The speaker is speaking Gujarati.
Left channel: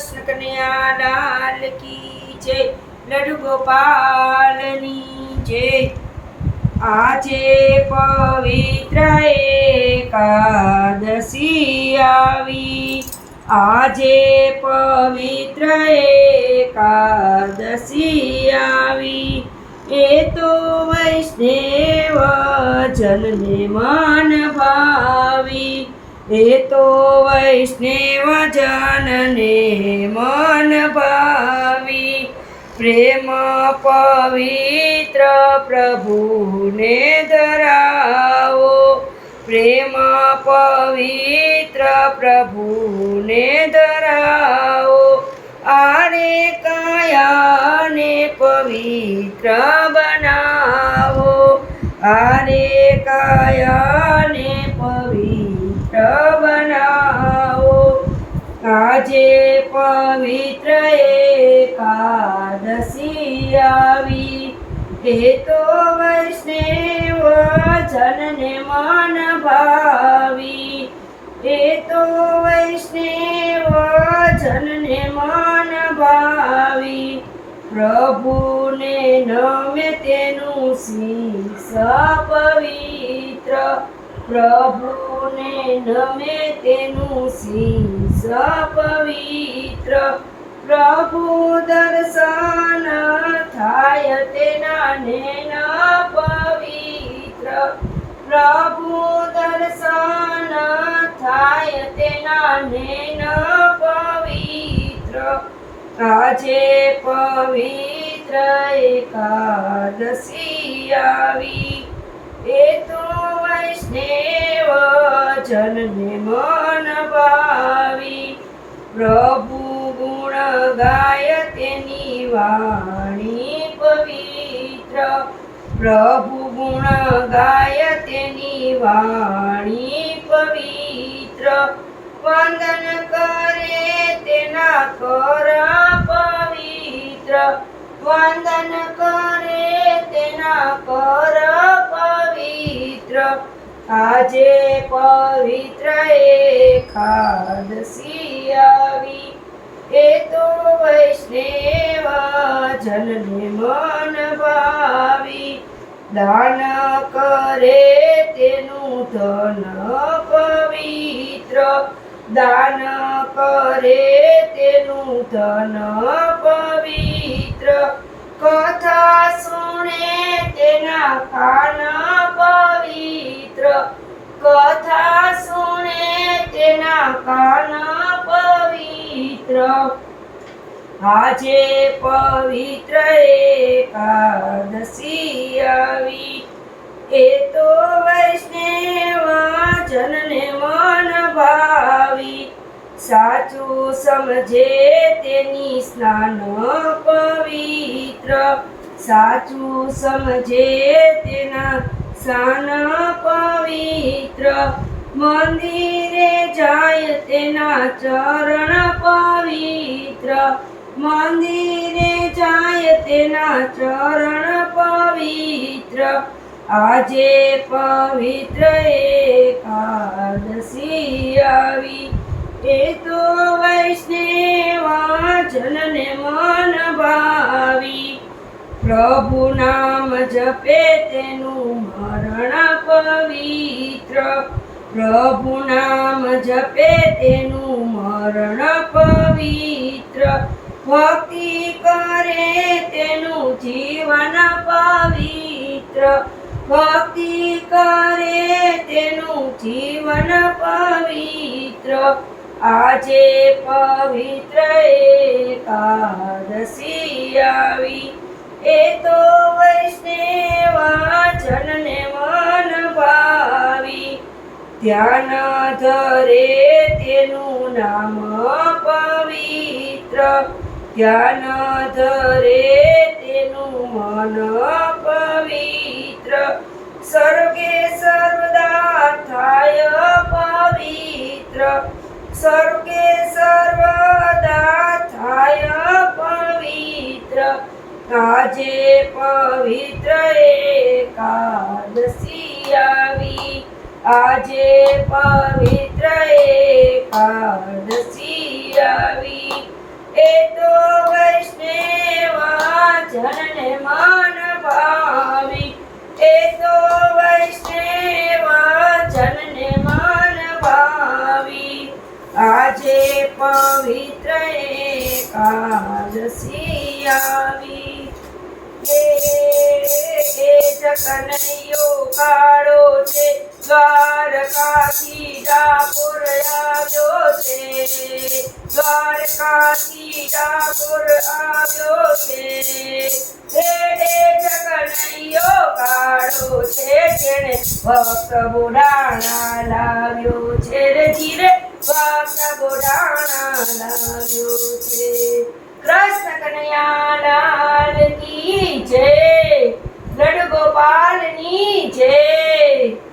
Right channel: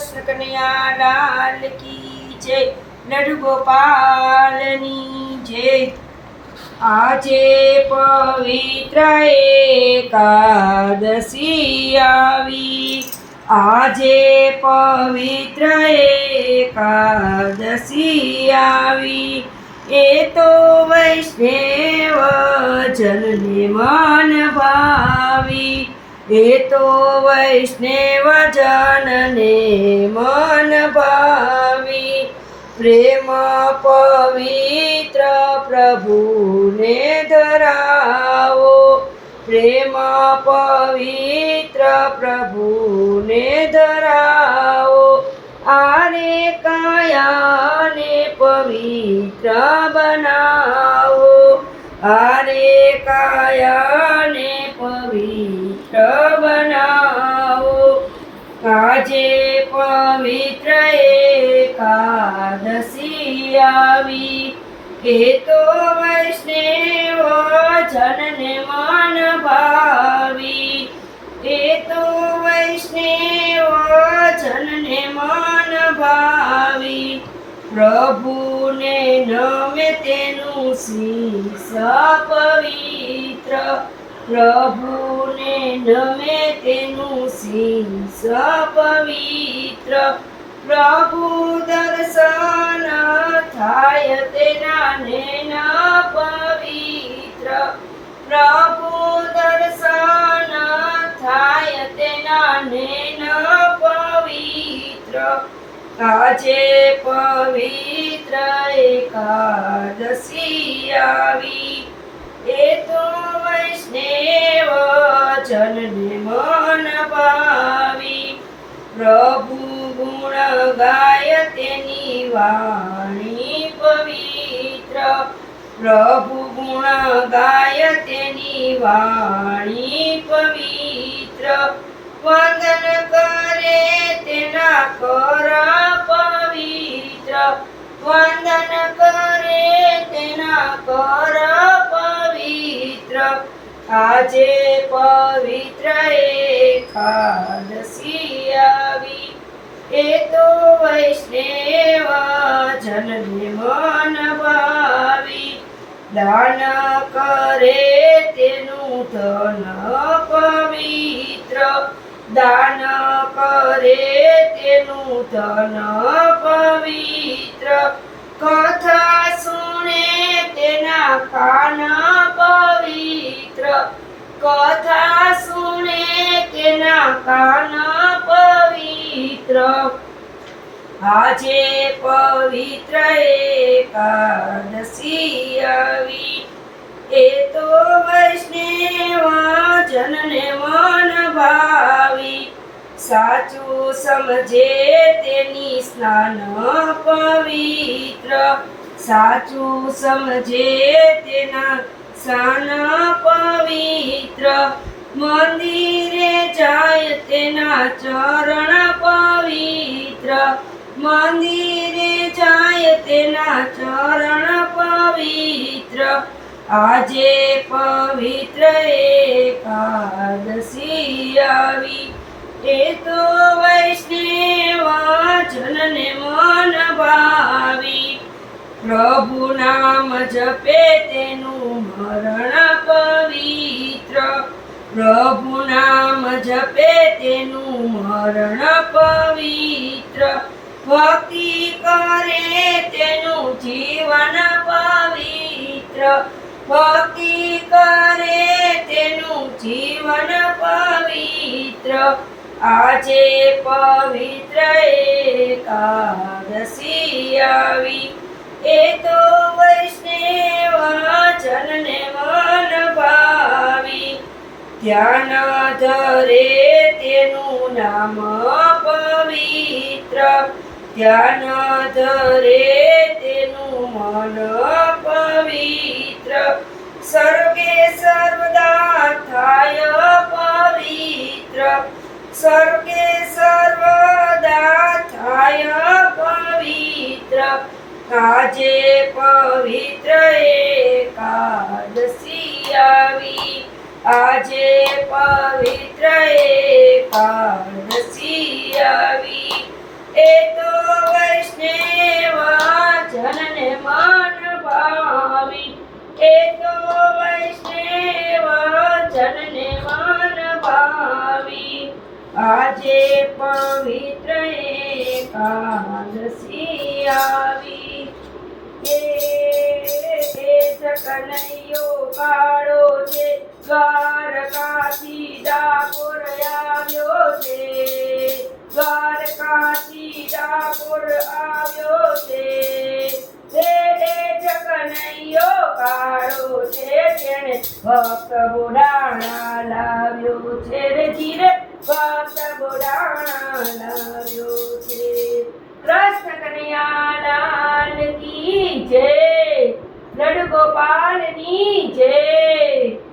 કૃષ્ણ કનૈયા કી જય. લડુ ગોપાલની જય. આજે પવિત્ર એકાદશી આવી. આજે પવિત્ર એકાદશી આવી. એ તો વૈષ્ણવ જનને એ તો વૈષ્ણવ જનને મન ભાવી, પ્રેમ પવિત્ર પ્રભુને ધરાવો. પ્રેમ પવિત્ર પ્રભુને ધરાવો. આને કાયાને પવિત્ર બનાવો. આને કાયાને આજે પવિત્ર એકાદશી આવી. એ તો વૈષ્ણવ જનને મન ભાવી. એ તો વૈષ્ણવ જનને મન ભાવી. પ્રભુને નમે તેનું શીશ પવિત્ર. પ્રભુને નમે તેનું શીશ પવિત્ર પ્રભુ દર્શન થાય તેના નેના પવિત્ર. પ્રભુ દર્શન થાય તેના નેના પવિત્ર. આજે પવિત્ર એકાદશી આવી. એ તો જનને મન ભાવી. પ્રભુ ગુણ ગાય તેની વાણી પવિત્ર. પ્રભુ ગુણ ગાય તેની વાણી પવિત્ર. વંદન કરે તેના કર પવિત્ર. વંદન કરે તેના કર આજે પવિત્ર એકાદશી આવી. એ તો વૈષ્ણવ જનને મન ભાવી. દાન કરે તેનું ધન પવિત્ર. દાન કરે તેનું ધન પવિત્ર. કથા સુણે તેના કાન પવિત્ર કથા સુને તેના કાન પવિત્ર. આજે પવિત્ર એકાદશી આવી. એ તો વૈષ્ણવ જનને મન ભાવી. સાચું સમજે તેની સ્નાન પવિત્ર. સાચું સમજે તેના સ્નાન પવિત્ર મંદિરે જાય તેના ચરણ પવિત્ર. મંદિરે જાય તેના ચરણ પવિત્ર. આજે પવિત્ર એકાદશી આવી. એ તો વૈષ્ણવ જનને મન ભાવી. પ્રભુ નામ જપે તેનું મરણ પવિત્ર. પ્રભુ નામ જપે તેનું મરણ પવિત્ર. ભક્તિ કરે તેનું જીવન પવિત્ર. ભક્તિ કરે તેનું જીવન પવિત્ર. આજે પવિત્ર એકાદશી ધ્યાન ધરે તેનું નામ પવિત્ર. ધ્યાન ધરે તેનું મન પવિત્ર. સર્ગે સર્વદા થાય પવિત્ર. સર્ગે સર્વદા થાય પવિત્ર. કાજે પવિત્ર એકાદશી આવી. આજે પવિત્ર એકાદશી આવી. એ તો વૈષ્ણવા જનને મન ભાવી. એ તો વૈષ્ણવા જનને મન ભાવી. આજે પવિત્ર એકાદશી આવી. જકનૈયો કાળો છે, દ્વારકાથી ડાકોર આવ્યો છે. દ્વારકાથી ડાકોર આવ્યો છે. હે હે કાળો છે, જેણે ભક્ત બોડાણા લાવ્યો છે. રે ભક્ત બોડાણા લાવ્યો છે. કૃષ્ણ કનૈયા લાલ કી જય. લડ ગોપાલની જય.